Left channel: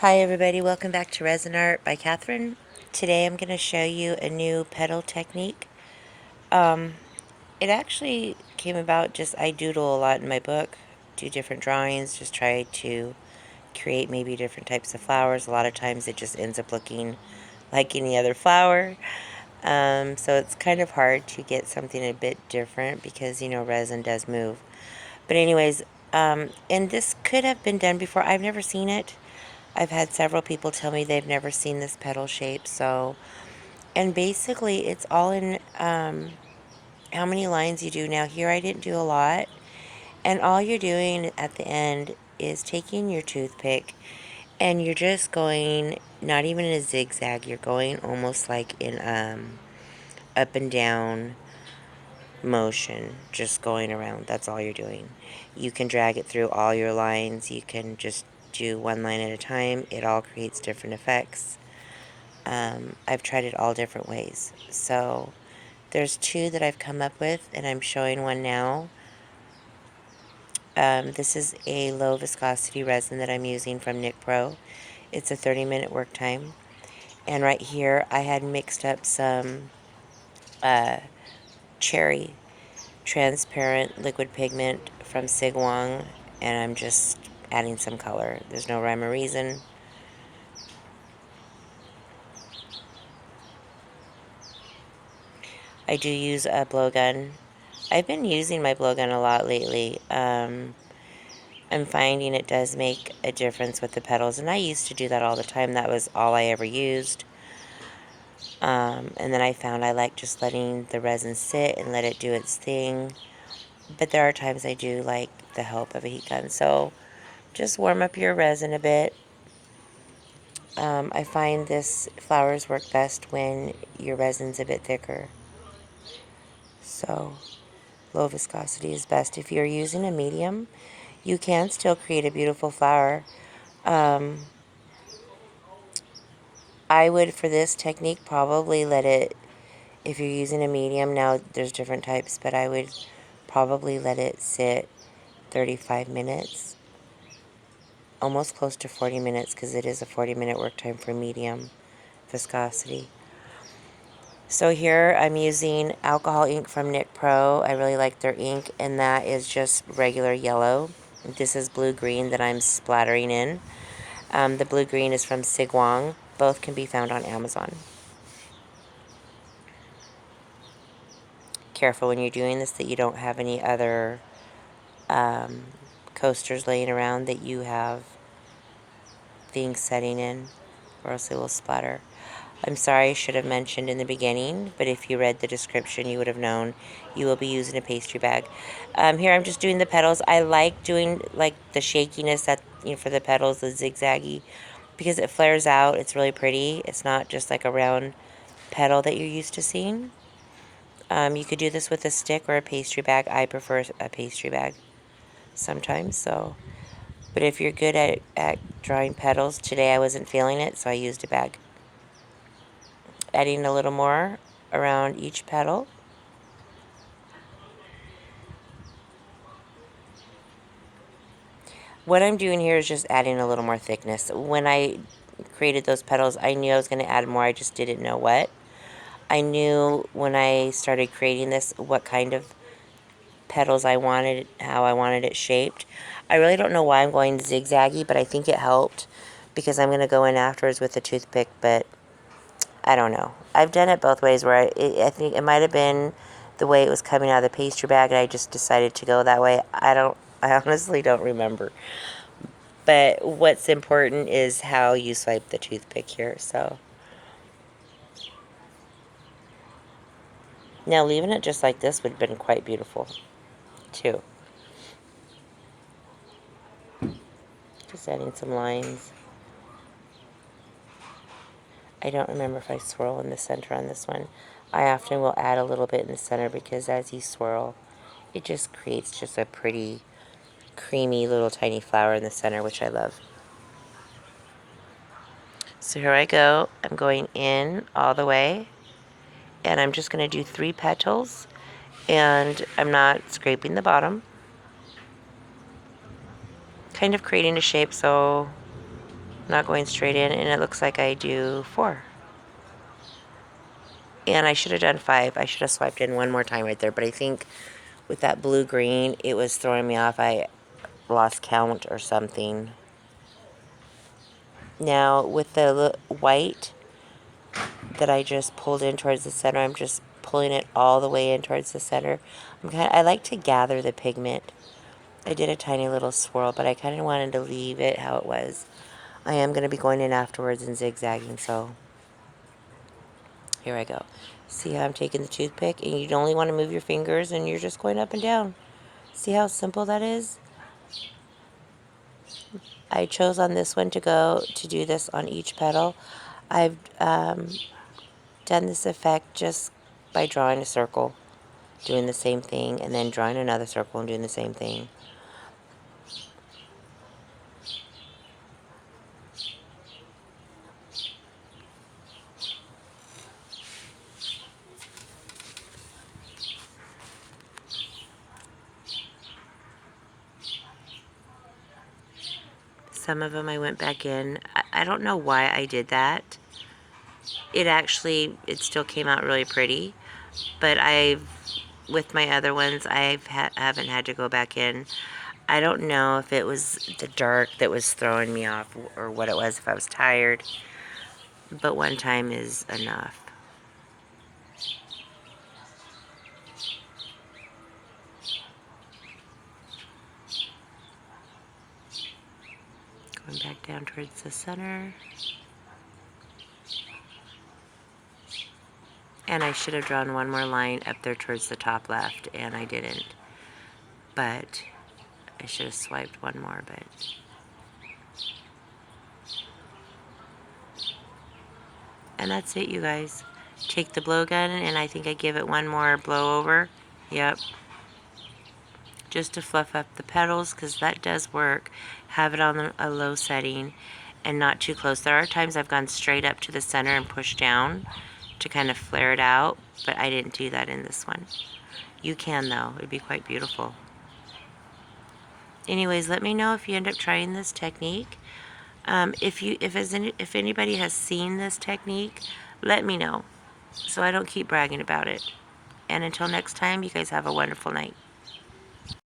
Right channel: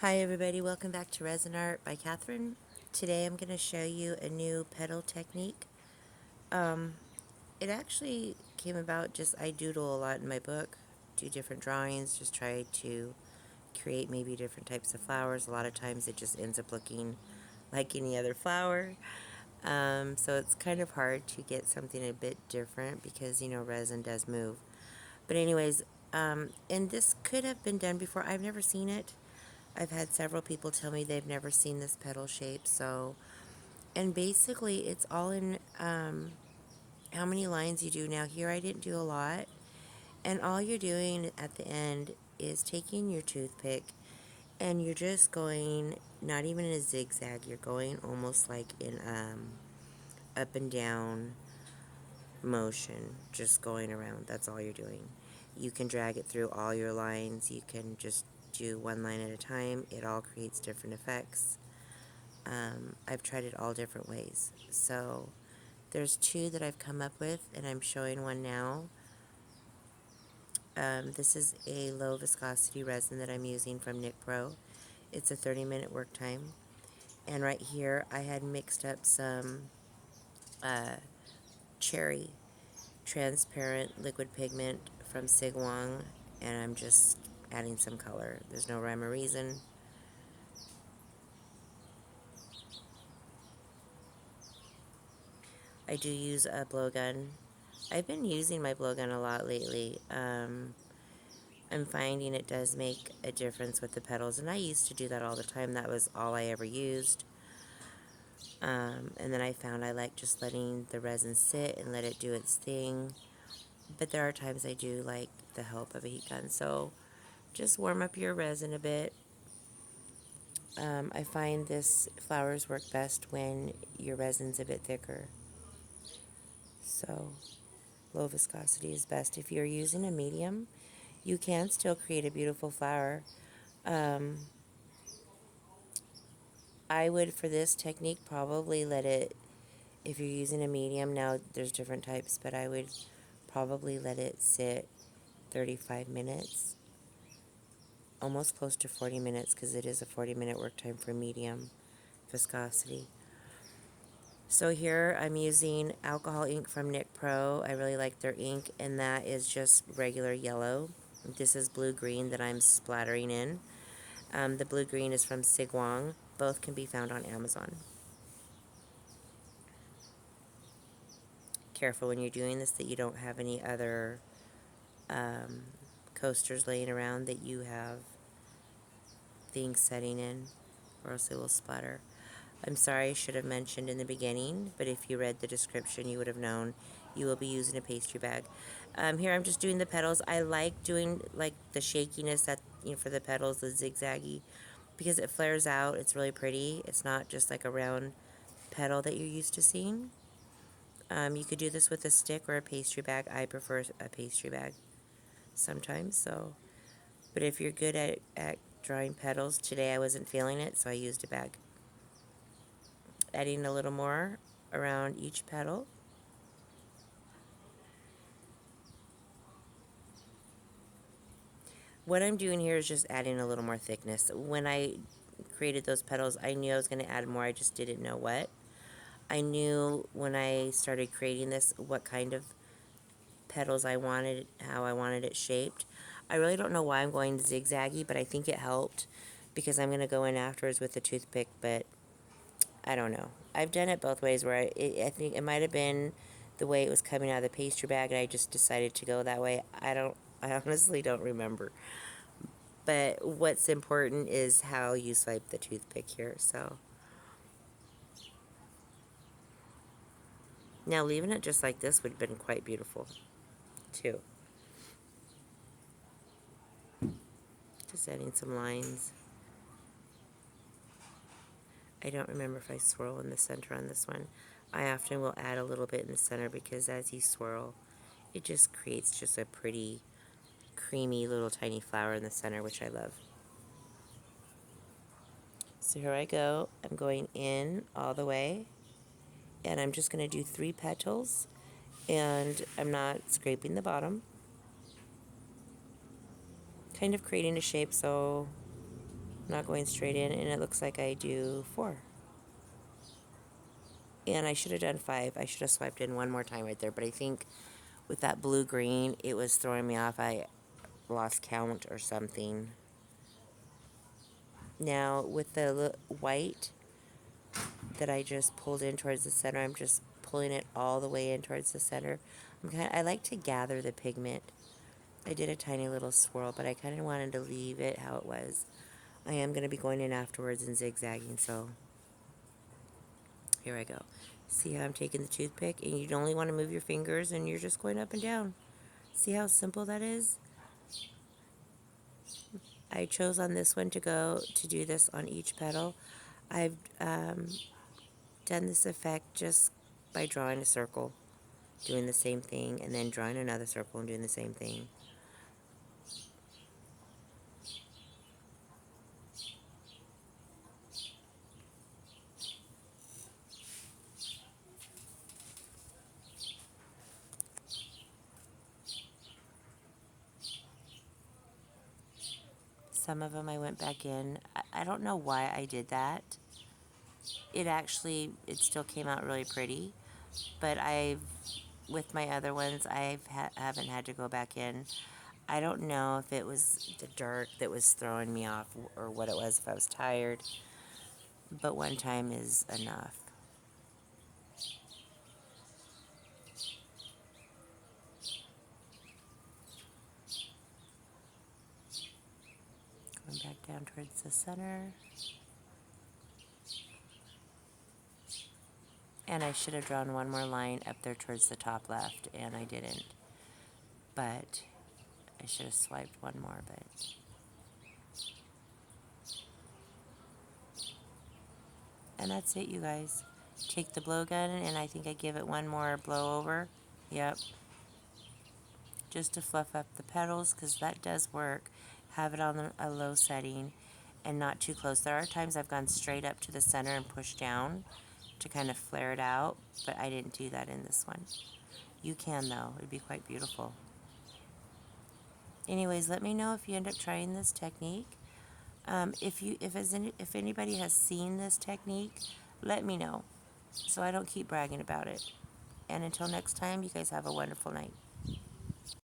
Hi everybody, welcome back to Resin Art by Catherine. Today I'm going to show you a new petal technique. It actually came about just, I doodle a lot in my book, do different drawings, just try to create maybe different types of flowers. A lot of times it just ends up looking like any other flower. So it's kind of hard to get something a bit different because, resin does move. But anyways, and this could have been done before. I've never seen it. I've had several people tell me they've never seen this petal shape. So, and basically it's all in how many lines you do. Now here I didn't do a lot. And all you're doing at the end is taking your toothpick and you're just going, not even in a zigzag, you're going almost like in up and down motion, just going around. That's all you're doing. You can drag it through all your lines. You can just do one line at a time. It all creates different effects. I've tried it all different ways. So there's two that I've come up with, and I'm showing one now. This is a low viscosity resin that I'm using from NiicPro. It's a 30-minute work time. And right here, I had mixed up some cherry transparent liquid pigment from Sigwang, and I'm just adding some color. There's no rhyme or reason. I do use a blowgun. I've been using my blowgun a lot lately. I'm finding it does make a difference with the petals, and I used to do that all the time. That was all I ever used. And then I found I like just letting the resin sit and let it do its thing. But there are times I do like the help of a heat gun. So just warm up your resin a bit. I find this flowers work best when your resin's a bit thicker. So low viscosity is best. If you're using a medium, you can still create a beautiful flower. I would, for this technique, probably let it, if you're using a medium, now there's different types, but I would probably let it sit 35 minutes, almost close to 40 minutes, because it is a 40-minute work time for medium viscosity. So here I'm using alcohol ink from NiicPro. I really like their ink, and that is just regular yellow. This is blue-green that I'm splattering in. The blue-green is from Sigwang. Both can be found on Amazon. Careful when you're doing this that you don't have any other coasters laying around that you have things setting in, or else it will splatter. I'm sorry, I should have mentioned in the beginning, but if you read the description, you would have known you will be using a pastry bag. Here I'm just doing the petals. I like doing like the shakiness that, for the petals, the zigzaggy, because it flares out. It's really pretty. It's not just like a round petal that you're used to seeing. You could do this with a stick or a pastry bag. I prefer a pastry bag sometimes, so. But if you're good at drawing petals, today I wasn't feeling it, so I used a bag. Adding a little more around each petal. What I'm doing here is just adding a little more thickness. When I created those petals, I knew I was going to add more. I just didn't know what. I knew when I started creating this what kind of petals I wanted, how I wanted it shaped. I really don't know why I'm going zigzaggy, but I think it helped because I'm going to go in afterwards with a toothpick, but I don't know. I've done it both ways where I think it might have been the way it was coming out of the pastry bag and I just decided to go that way. I honestly don't remember. But what's important is how you swipe the toothpick here. So now leaving it just like this would have been quite beautiful too. Just adding some lines. I don't remember if I swirl in the center on this one. I often will add a little bit in the center because as you swirl, it just creates just a pretty creamy little tiny flower in the center, which I love. So here I go. I'm going in all the way, and I'm just going to do 3 petals, and I'm not scraping the bottom. Kind of creating a shape, so not going straight in, and it looks like I do 4. And I should have done 5. I should have swiped in one more time right there, but I think with that blue-green, it was throwing me off. I lost count or something. Now, with the white that I just pulled in towards the center, I'm just pulling it all the way in towards the center. I like to gather the pigment. I did a tiny little swirl, but I kind of wanted to leave it how it was. I am going to be going in afterwards and zigzagging, so here I go. See how I'm taking the toothpick, and you only want to move your fingers, and you're just going up and down. See how simple that is? I chose on this one to do this on each petal. I've done this effect just by drawing a circle, doing the same thing, and then drawing another circle and doing the same thing. Some of them I went back in. I don't know why I did that. It still came out really pretty, but with my other ones, haven't had to go back in. I don't know if it was the dark that was throwing me off or what it was, if I was tired, but one time is enough. Going back down towards the center. And I should have drawn one more line up there towards the top left, and I didn't. But I should have swiped one more, but... And that's it, you guys. Take the blow gun, and I think I give it one more blow over. Yep. Just to fluff up the petals, because that does work. Have it on a low setting and not too close. There are times I've gone straight up to the center and pushed down to kind of flare it out, but I didn't do that in this one. You can, though. It'd be quite beautiful. Anyways, let me know if you end up trying this technique. If anybody has seen this technique, let me know so I don't keep bragging about it. And until next time, you guys have a wonderful night.